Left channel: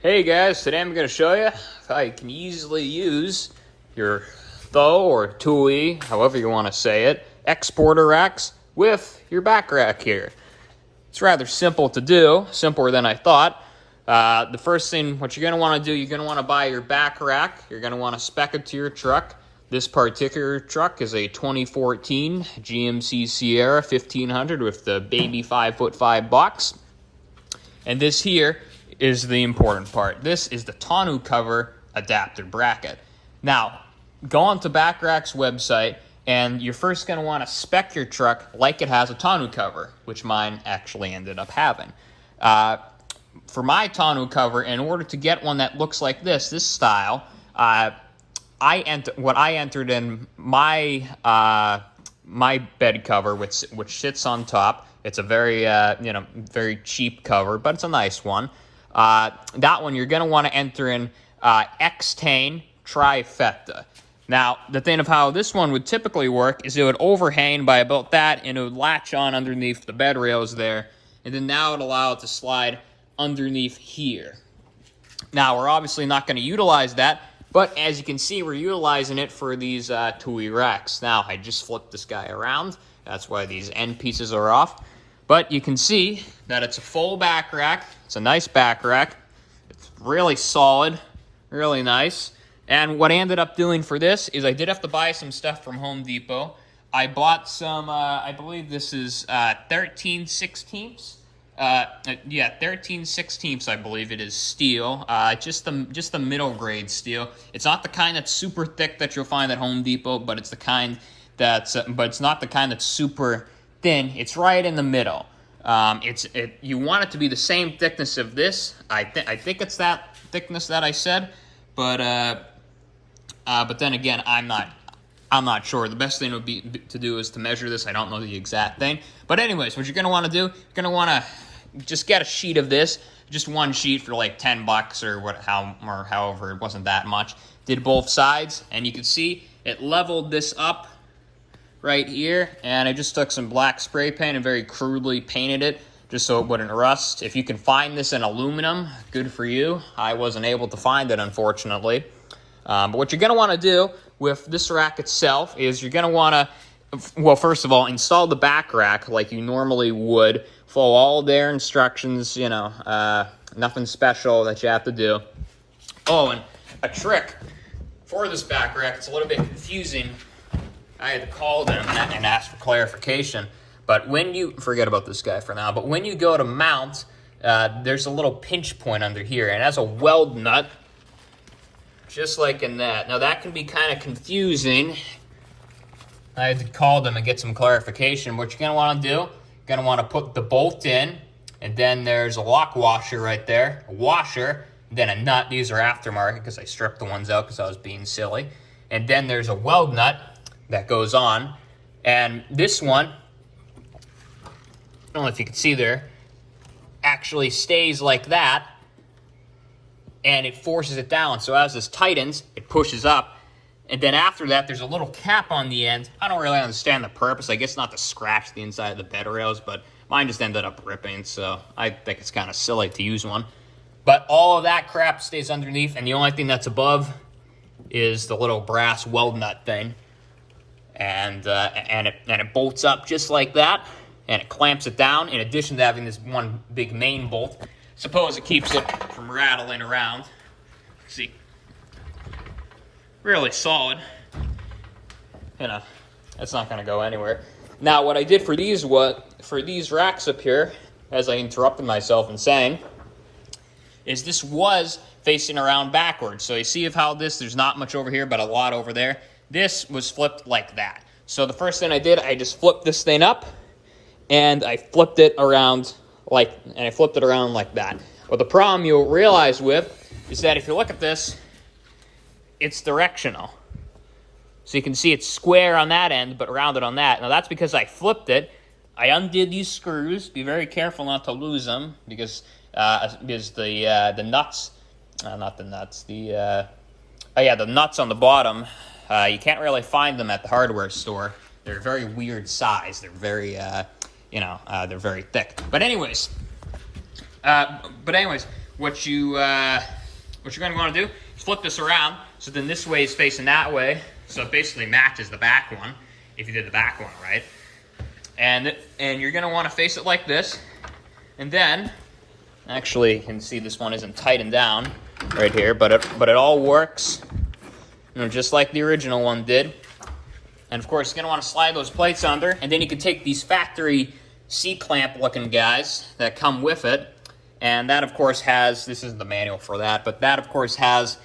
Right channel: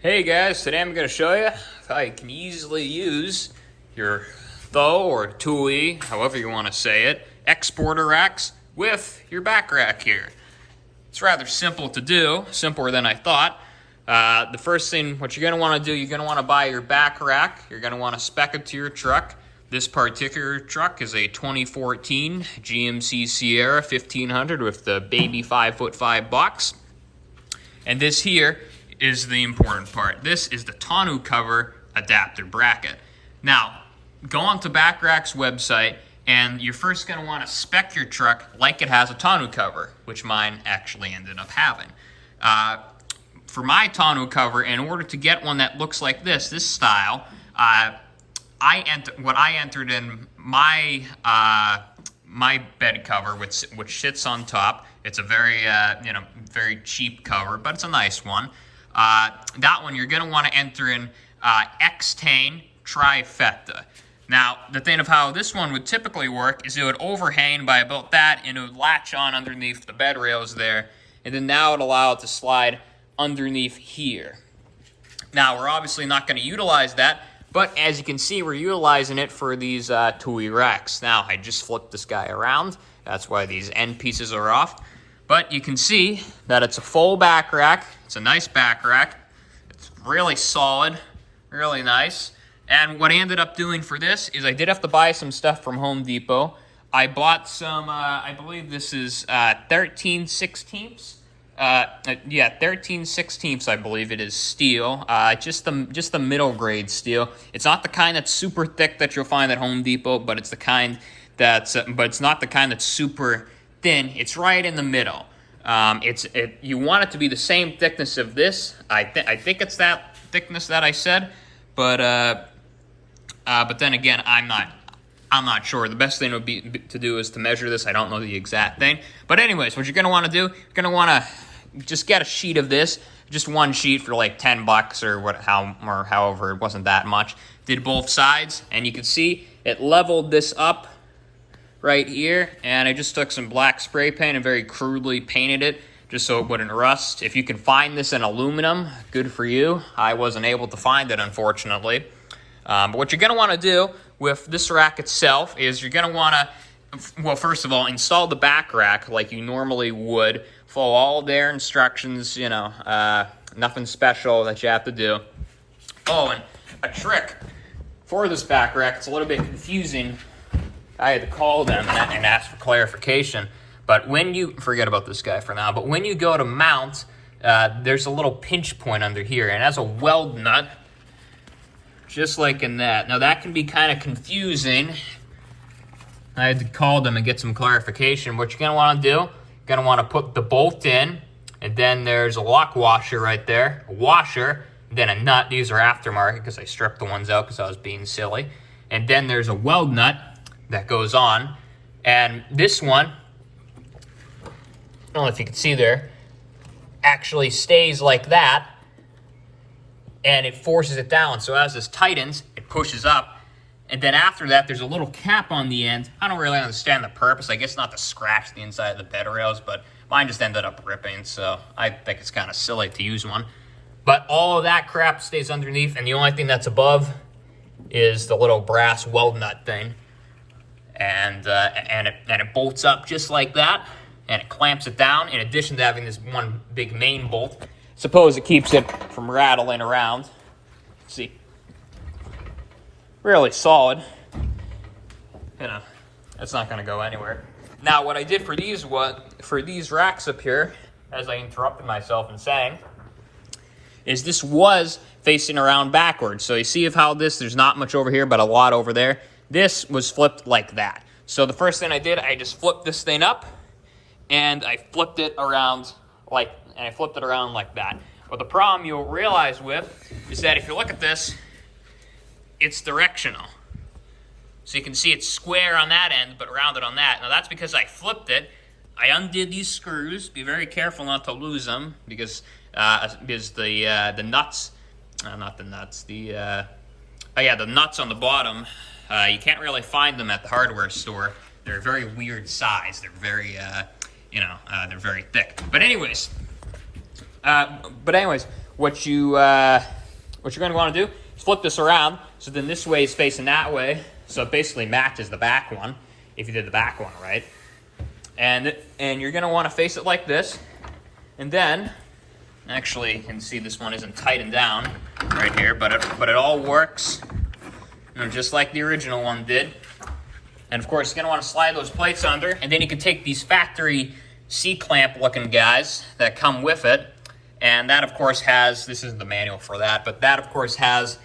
Hey guys, today I'm going to show you how you can easily use your Thule or Thule, however you want to say it, Xsporter racks with your back rack here. It's rather simple to do, simpler than I thought. The first thing, what you're going to want to do, you're going to want to buy your back rack. You're going to want to spec it to your truck. This particular truck is a 2014 GMC Sierra 1500 with the baby 5'5" box. And this here is the important part. This is the tonneau cover adapter bracket. Now, go on to Backrack's website, and you're first going to want to spec your truck like it has a tonneau cover, which mine actually ended up having. For my tonneau cover, in order to get one that looks like this style, what I entered in my my bed cover, which sits on top. It's a very very cheap cover, but it's a nice one. That one you're going to want to enter in Xtain Trifecta. Now, the thing of how this one would typically work is it would overhang by about that, and it would latch on underneath the bed rails there, and then now it would allow it to slide underneath here. Now, we're obviously not going to utilize that, but as you can see, we're utilizing it for these Thule racks. Now, I just flipped this guy around. That's why these end pieces are off. But you can see that it's a full back rack. It's a nice back rack. It's really solid, really nice. And what I ended up doing for this is I did have to buy some stuff from Home Depot. I bought some, I believe this is 13/16. 13/16, I believe it is, steel. Just the middle grade steel. It's not the kind that's super thick that you'll find at Home Depot, but it's the kind that's, but it's not the kind that's super thin. It's right in the middle. You want it to be the same thickness of this. I think it's that thickness that I said, but then again, I'm not sure. The best thing would be to do is to measure this. I don't know the exact thing, but anyways, what you're gonna want to do, you're gonna want to just get a sheet of this, just one sheet for like $10 or however. It wasn't that much. Did both sides, and you can see it leveled this up right here, and I just took some black spray paint and very crudely painted it just so it wouldn't rust. If you can find this in aluminum, good for you. I wasn't able to find it, unfortunately. But what you're going to want to do with this rack itself is you're going to want to, well, first of all, install the back rack like you normally would. Follow all their instructions, nothing special that you have to do. Oh, and a trick for this back rack, it's a little bit confusing. I had to call them and ask for clarification. But when you, forget about this guy for now, but when you go to mount, there's a little pinch point under here, and it has a weld nut, just like in that. Now that can be kind of confusing. I had to call them and get some clarification. What you're gonna wanna do, you're gonna wanna put the bolt in, and then there's a lock washer right there, a washer, then a nut. These are aftermarket because I stripped the ones out because I was being silly. And then there's a weld nut that goes on, and this one, I don't know if you can see there, actually stays like that, and it forces it down. So as this tightens, it pushes up, and then after that, there's a little cap on the end. I don't really understand the purpose. I guess not to scratch the inside of the bed rails, but mine just ended up ripping, so I think it's kind of silly to use one. But all of that crap stays underneath, and the only thing that's above is the little brass weld nut thing. And it bolts up just like that, and it clamps it down, in addition to having this one big main bolt. Suppose it keeps it from rattling around. See, really solid. That's not gonna go anywhere. Now, what I did for these racks up here, as I interrupted myself in saying, is this was facing around backwards. So you see how there's not much over here, but a lot over there. This was flipped like that. So the first thing I did, I just flipped this thing up, and I flipped it around like that. Well, the problem you'll realize with is that if you look at this, it's directional. So you can see it's square on that end, but rounded on that. Now that's because I flipped it. I undid these screws. Be very careful not to lose them because the nuts, not the nuts, the nuts on the bottom. You can't really find them at the hardware store. They're a very weird size. They're very, they're very thick. But anyways, what you're going to want to do is flip this around. So then this way is facing that way. So it basically matches the back one, if you did the back one right. And you're going to want to face it like this. And then, actually, you can see this one isn't tightened down right here, but it all works, you know, just like the original one did. And of course, you're going to want to slide those plates under, and then you can take these factory C-clamp looking guys that come with it, and that of course has, this isn't the manual for that, but that of course has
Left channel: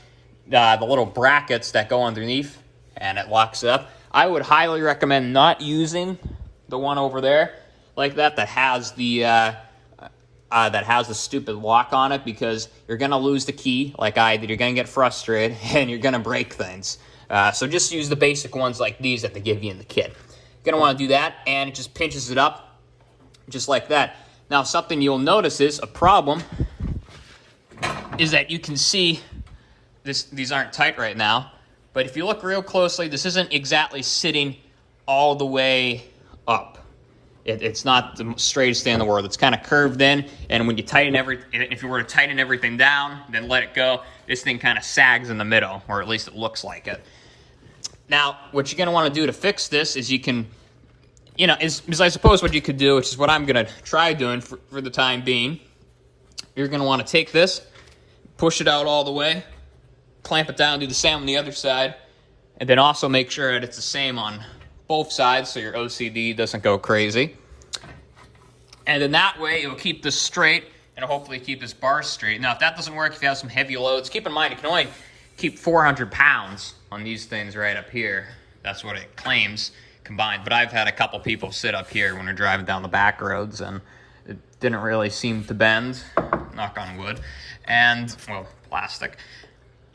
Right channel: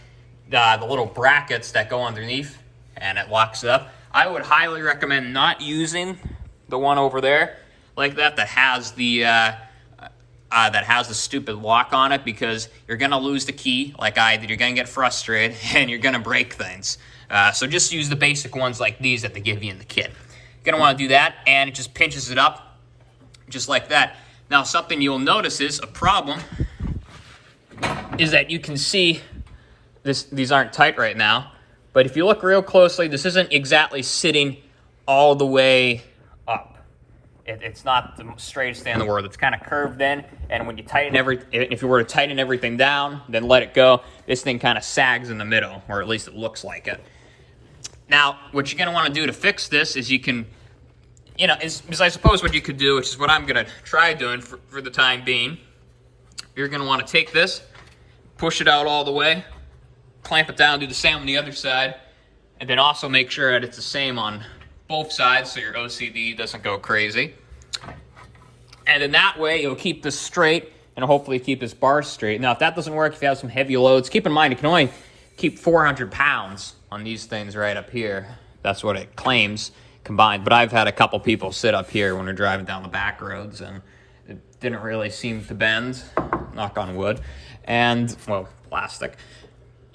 the little brackets that go underneath, and it locks up. I would highly recommend not using the one over there like that has the stupid lock on it, because you're going to lose the key like I did. You're going to get frustrated and you're going to break things. So just use the basic ones like these that they give you in the kit. You're going to want to do that, and it just pinches it up just like that. Now, something you'll notice is a problem is that you can see these aren't tight right now, but if you look real closely, this isn't exactly sitting all the way up. It's not the straightest thing in the world. It's kind of curved in, and when you tighten if you were to tighten everything down, then let it go, this thing kind of sags in the middle, or at least it looks like it. Now, what you're going to want to do to fix this is you can, you know, is I suppose what you could do, which is what I'm going to try doing for the time being, you're going to want to take this, push it out all the way, clamp it down, do the same on the other side, and then also make sure that it's the same on both sides so your OCD doesn't go crazy. And then that way it'll keep this straight and hopefully keep this bar straight. Now, if that doesn't work, if you have some heavy loads, keep in mind you can only keep 400 pounds on these things right up here. That's what it claims combined. But I've had a couple people sit up here when they're driving down the back roads, and it didn't really seem to bend, knock on wood, and, well, plastic.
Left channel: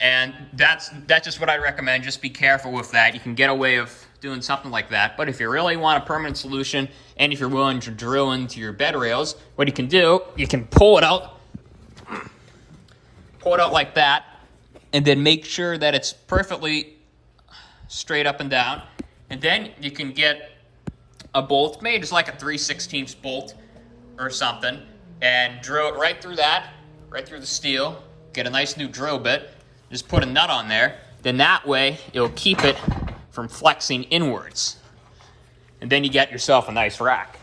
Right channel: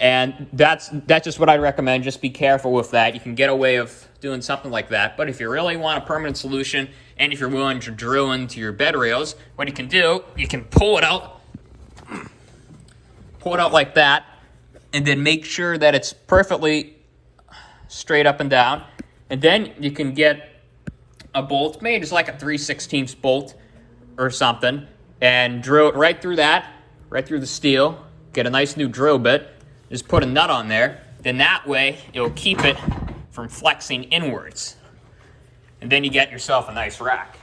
And that's just what I recommend. Just be careful with that. You can get away with doing something like that. But if you really want a permanent solution, and if you're willing to drill into your bed rails, what you can do, you can pull it out like that, and then make sure that it's perfectly straight up and down. And then you can get a bolt made, just like a 3/16 bolt or something, and drill it right through that, right through the steel. Get a nice new drill bit. Just put a nut on there, then that way it'll keep it from flexing inwards. And then you get yourself a nice rack.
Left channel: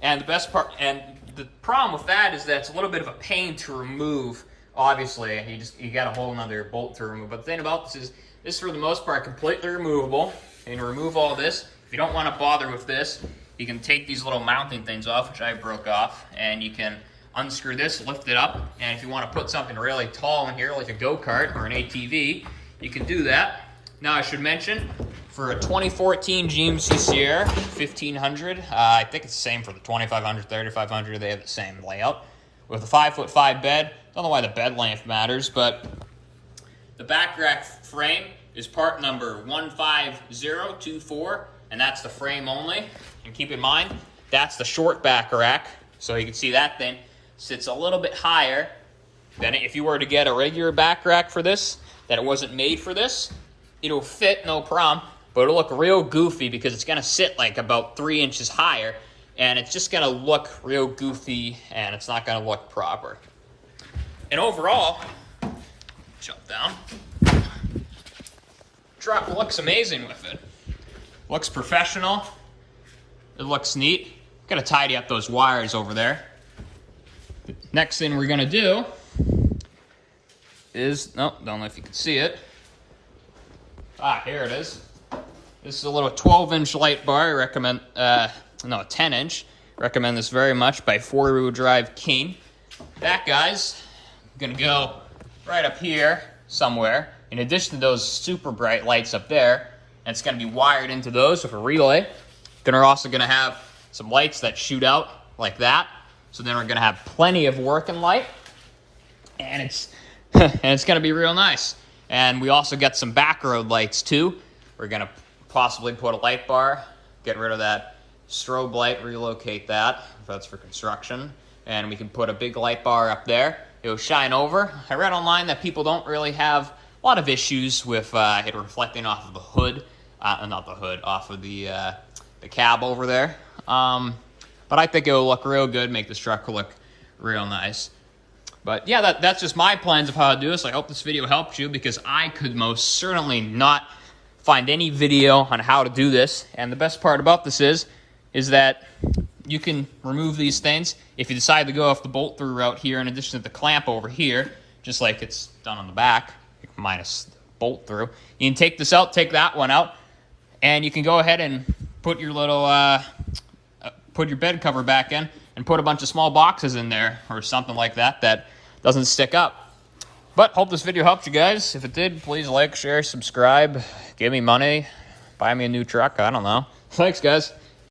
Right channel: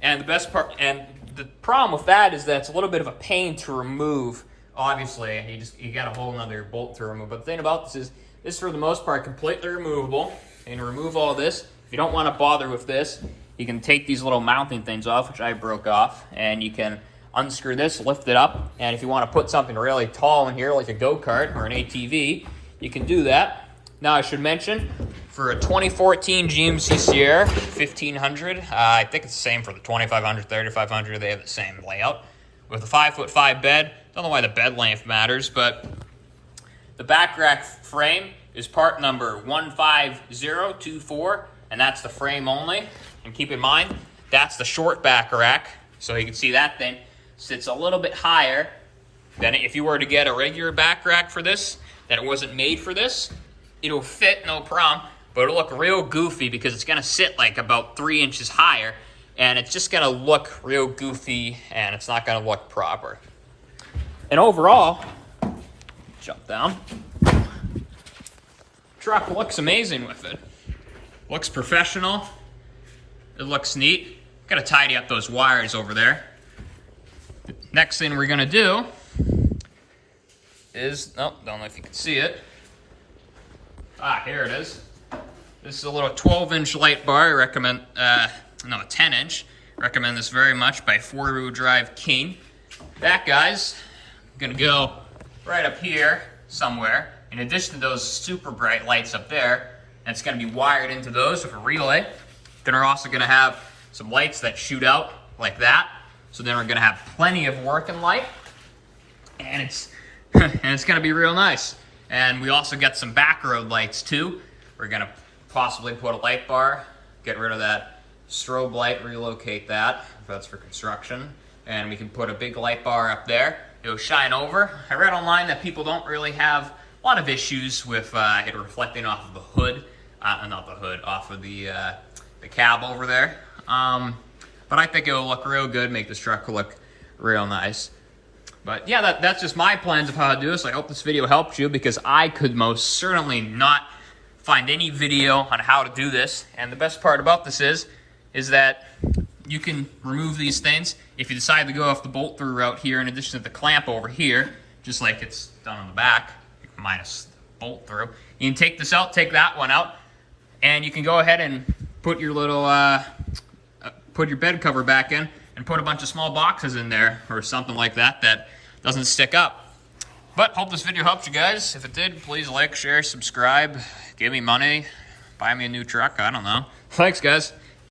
And the best part, and the problem with that is that it's a little bit of a pain to remove. Obviously, you got a whole another bolt to remove. But the thing about this is for the most part completely removable. And remove all this. If you don't want to bother with this, you can take these little mounting things off, which I broke off, and you can unscrew this, lift it up, and if you want to put something really tall in here, like a go-kart or an ATV, you can do that. Now, I should mention, for a 2014 GMC Sierra 1500, I think it's the same for the 2500, 3500, they have the same layout, with a 5'5" bed. Don't know why the bed length matters, but the back rack frame is part number 15024, and that's the frame only. And keep in mind, that's the short back rack, so you can see that thing sits a little bit higher than if you were to get a regular back rack for this, that it wasn't made for this. It'll fit, no problem, but it'll look real goofy because it's gonna sit like about 3 inches higher, and it's just gonna look real goofy, and it's not gonna look proper. And overall, jump down, truck looks amazing with it. Looks professional, it looks neat. Gonna tidy up those wires over there. Next thing we're gonna do is, don't know if you can see it. Here it is. This is a little 12-inch light bar. I recommend, a 10-inch. Recommend this very much by 4-wheel drive King. That guy's gonna go right up here somewhere. In addition to those super bright lights up there, and it's gonna be wired into those with a relay. Then we're also gonna have some lights that shoot out like that. So then we're gonna have plenty of working light, and it's gonna be real nice. And we also get some back road lights too. We're gonna possibly put a light bar, get rid of that strobe light, relocate that if that's for construction, and we can put a big light bar up there. It'll shine over. I read online that people don't really have a lot of issues with it reflecting off of the hood, not the hood, off of the cab over there. But I think it'll look real good, make this truck look real nice. But yeah, that's just my plans of how to do this. I hope this video helps you, because I could most certainly not find any video on how to do this. And the best part about this is that you can remove these things if you decide to go off the bolt through route here, in addition to the clamp over here, just like it's done on the back, minus bolt through. You can take this out, take that one out, and you can go ahead and put your little, put your bed cover back in, and put a bunch of small boxes in there, or something like that, that doesn't stick up. But hope this video helped you guys. If it did, please like, share, subscribe, give me money, buy me a new truck, I don't know. Thanks, guys.